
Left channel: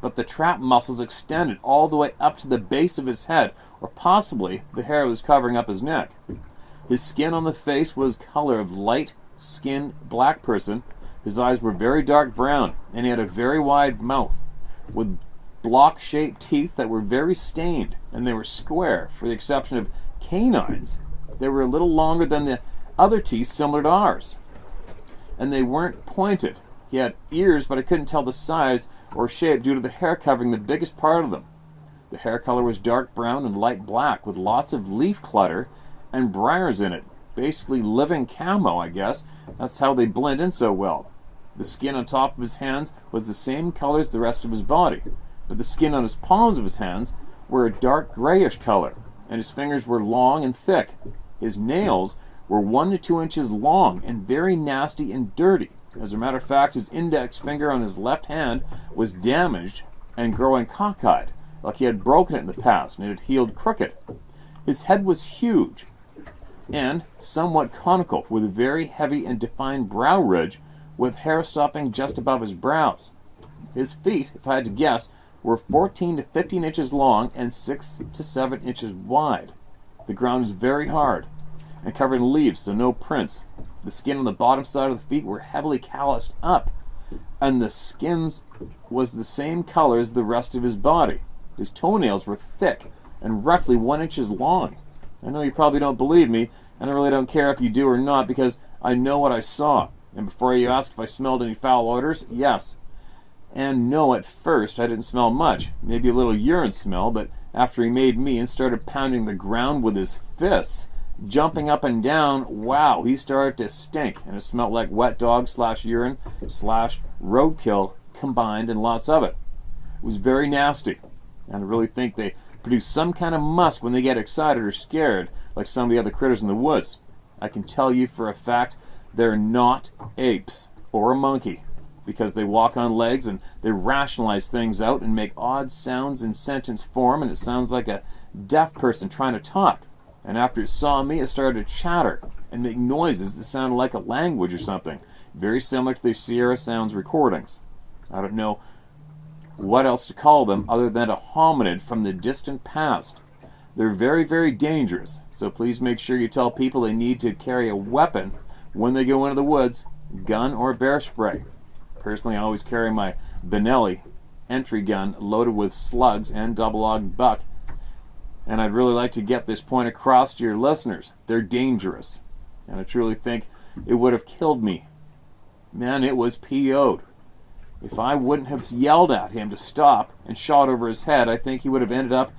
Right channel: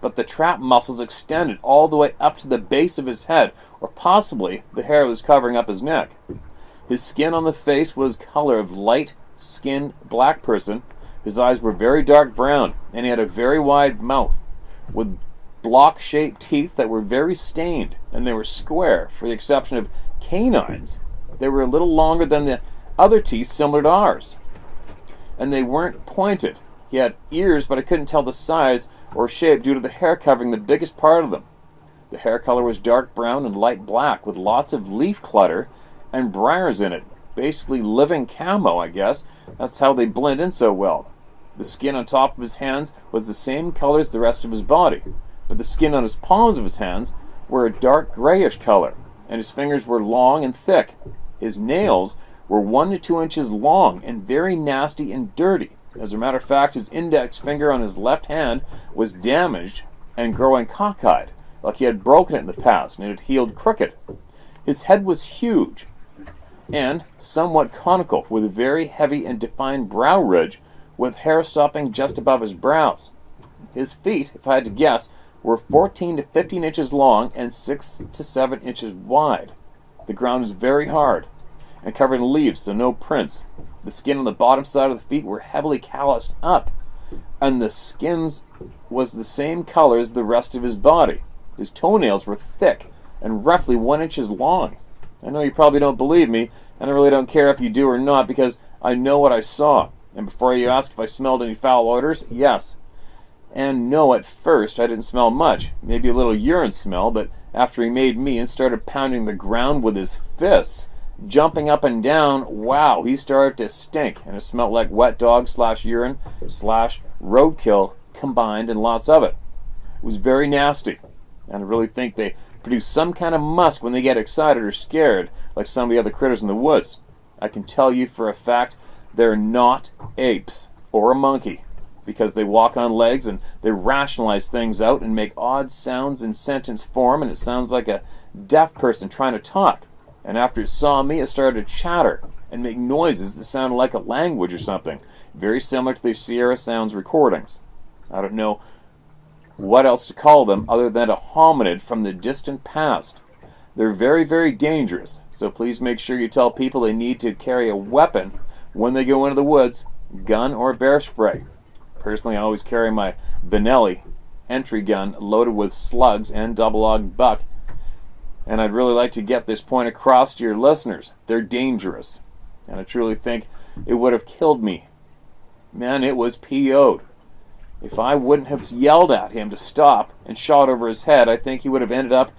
But the trap muscles extended all the way up to the base of his head, or possibly the hair was covering up his neck. His skin on the face was color of light-skinned black person. His eyes were very dark brown, and he had a very wide mouth, with block-shaped teeth that were very stained, and they were square, for the exception of canines. They were a little longer than the other teeth similar to ours, and they weren't pointed. He had ears, but I couldn't tell the size or shape due to the hair covering the biggest part of them. The hair color was dark brown and light black, with lots of leaf clutter and briars in it. Basically living camo, I guess. That's how they blend in so well. The skin on top of his hands was the same color as the rest of his body, but the skin on his palms of his hands were a dark grayish color, and his fingers were long and thick. His nails were 1 to 2 inches long and very nasty and dirty. As a matter of fact, his index finger on his left hand was damaged and growing cockeyed, like he had broken it in the past, and it had healed crooked. His head was huge and somewhat conical, with a very heavy and defined brow ridge, with hair stopping just above his brows. His feet, if I had to guess, were 14 to 15 inches long and 6 to 7 inches wide. The ground was very hard and covered in leaves, so no prints. The skin on the bottom side of the feet were heavily calloused up, and the skins was the same color as the rest of his body. His toenails were thick and roughly 1 inch long. I know you probably don't believe me, and I really don't care if you do or not, because I know what I saw. And before you ask if I smelled any foul odors, yes. And no, at first I didn't smell much, maybe a little urine smell, but after he made me and started pounding the ground with his fists, jumping up and down, wow, he started to stink, and it smelled like wet dog / urine / roadkill combined, and lots of it. It was very nasty, and I really think they produce some kind of musk when they get excited or scared, like some of the other critters in the woods. I can tell you for a fact they're not apes or a monkey, because they walk on legs and they rationalize things out and make odd sounds in sentence form, and it sounds like a deaf person trying to talk. And after it saw me, it started to chatter and make noises that sounded like a language or something, very similar to the Sierra Sounds recordings. I don't know what else to call them other than a hominid from the distant past. They're very, very dangerous, so please make sure you tell people they need to carry a weapon when they go into the woods, gun or bear spray. Personally, I always carry my Benelli entry gun loaded with slugs and double-aught buck, and I'd really like to get this point across to your listeners. They're dangerous, and I truly think it would have killed me. Man, it was PO'd. If I wouldn't have yelled at him to stop and shot over his head, I think he would have ended up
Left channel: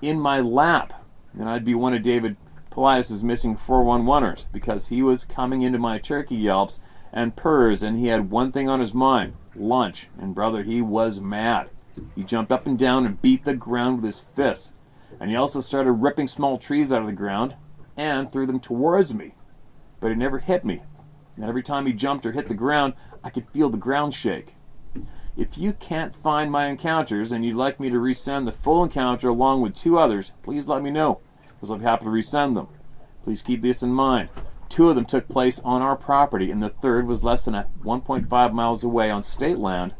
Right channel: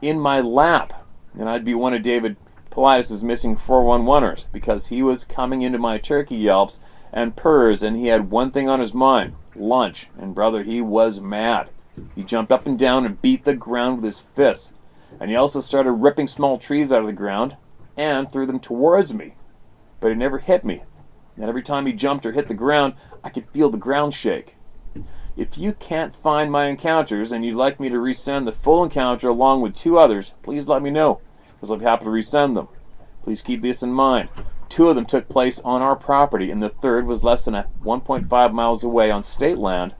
in my lap, and I'd be one of David Paulides' missing 411ers, because he was coming into my turkey yelps and purrs, and he had one thing on his mind: lunch. And brother, he was mad. He jumped up and down and beat the ground with his fists, and he also started ripping small trees out of the ground and threw them towards me, but he never hit me. And every time he jumped or hit the ground, I could feel the ground shake. If you can't find my encounters and you'd like me to resend the full encounter along with 2 others, please let me know, because I'll be happy to resend them. Please keep this in mind. 2 of them took place on our property, and the third was less than 1.5 miles away on state land.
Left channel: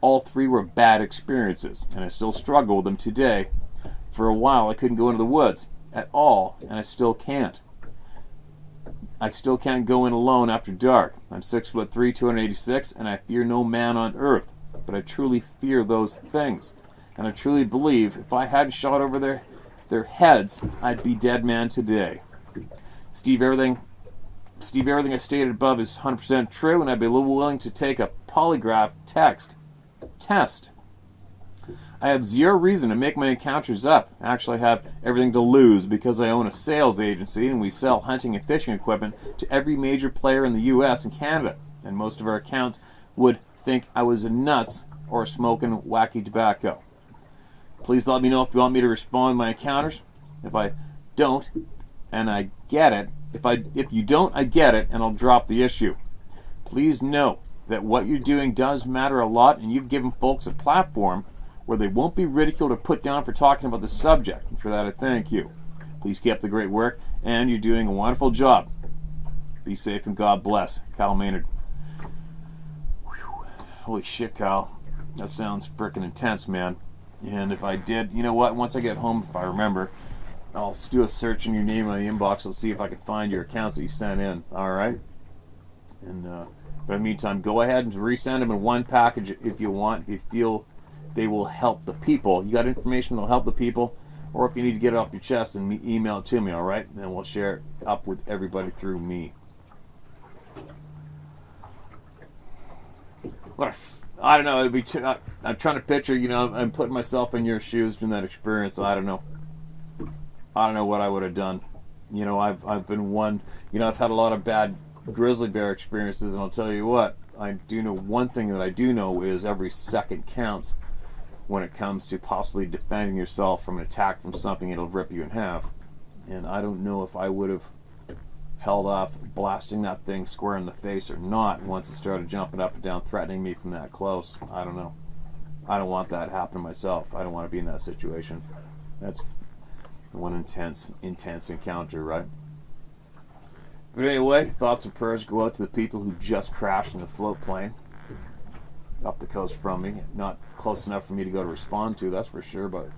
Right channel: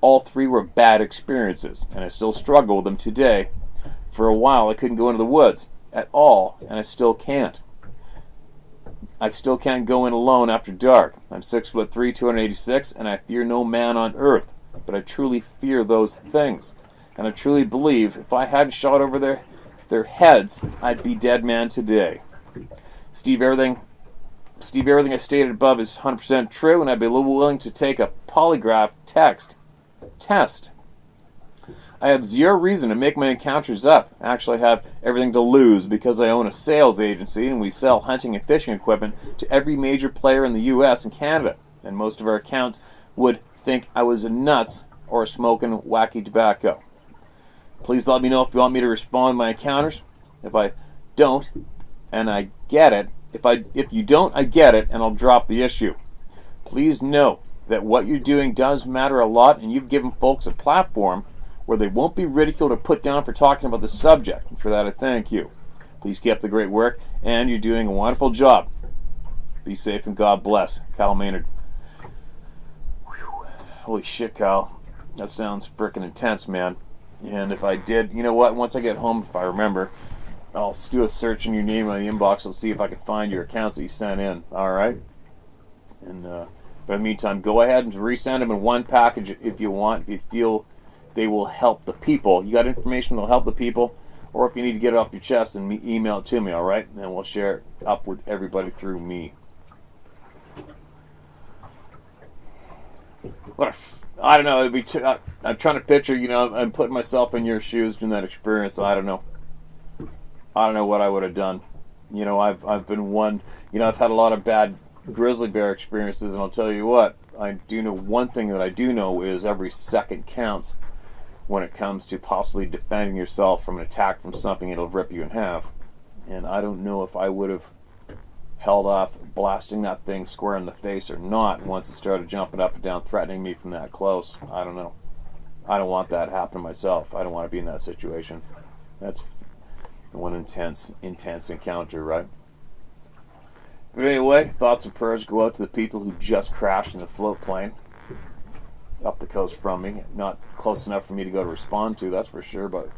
All 3 were bad experiences, and I still struggle with them today. For a while, I couldn't go into the woods at all, and I still can't. I still can't go in alone after dark. I'm 6'3", 286, and I fear no man on earth, but I truly fear those things. And I truly believe if I hadn't shot over their heads, I'd be dead man today. Steve, everything Steve, everything I stated above is 100% true, and I'd be willing to take a polygraph test. I have zero reason to make my encounters up. Actually, I have everything to lose because I own a sales agency and we sell hunting and fishing equipment to every major player in the U.S. and Canada. And most of our accounts would think I was nuts or smoking wacky tobacco. Please let me know if you want me to respond to my encounters. If I don't, and I get it, if you don't, I get it, and I'll drop the issue. Please know that what you're doing does matter a lot, and you've given folks a platform where they won't be ridiculed or put down for talking about the subject. And for that, I thank you. Please keep up the great work, and you're doing a wonderful job. Be safe and God bless. Kyle Maynard. Whew. Holy shit, Kyle. That sounds frickin' intense, man. And if I did, you know what? Once I get home, if I remember, I'll do a search in your name on the inbox. I'll see if I can find your accounts that you sent in. All right? And but in the meantime, go ahead and resend them in one package if you want. If you feel they will help the people. You got information that will help the people, or if you need to get it off your chest, and email it to me, all right? And then we'll share it up with everybody through me. I don't know. I'm trying to picture, I'm putting myself in your shoes in that experience. I don't know what I would have done. I've been one. I've had a lot of bad grizzly bear experiences, and I'll tell you what. I do know one thing that I do know is every second counts when it comes to possibly defending yourself from an attack from something that'll rip you in half. And I don't know if I would have held off blasting that thing square in the face or not once it started jumping up and down, threatening me from that close. I don't know. I don't want that to happen to myself. I don't want to be in that situation. That's one intense encounter, right? But anyway, thoughts and prayers go out to the people who just crashed in the float plane up the coast from me. Not close enough for me to go to respond to, that's for sure, but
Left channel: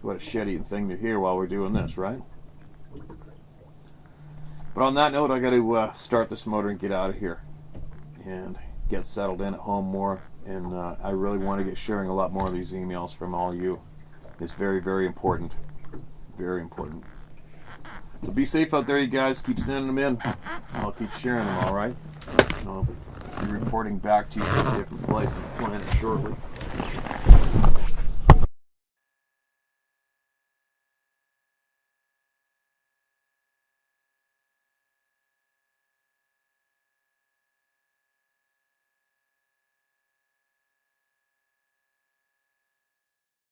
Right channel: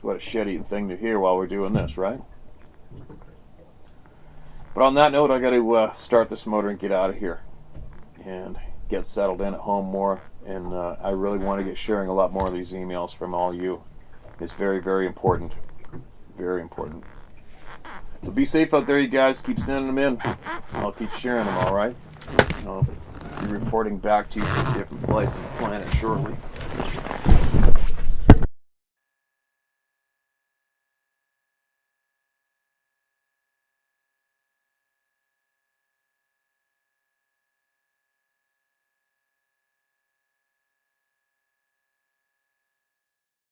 what a shitty thing to hear while we're doing this, right? But on that note, I got to start this motor and get out of here and get settled in at home more. And I really want to get sharing a lot more of these emails from all you. It's very, very important. Very important. So be safe out there, you guys. Keep sending them in. I'll keep sharing them, all right? I'll be reporting back to you from a different place on the planet shortly.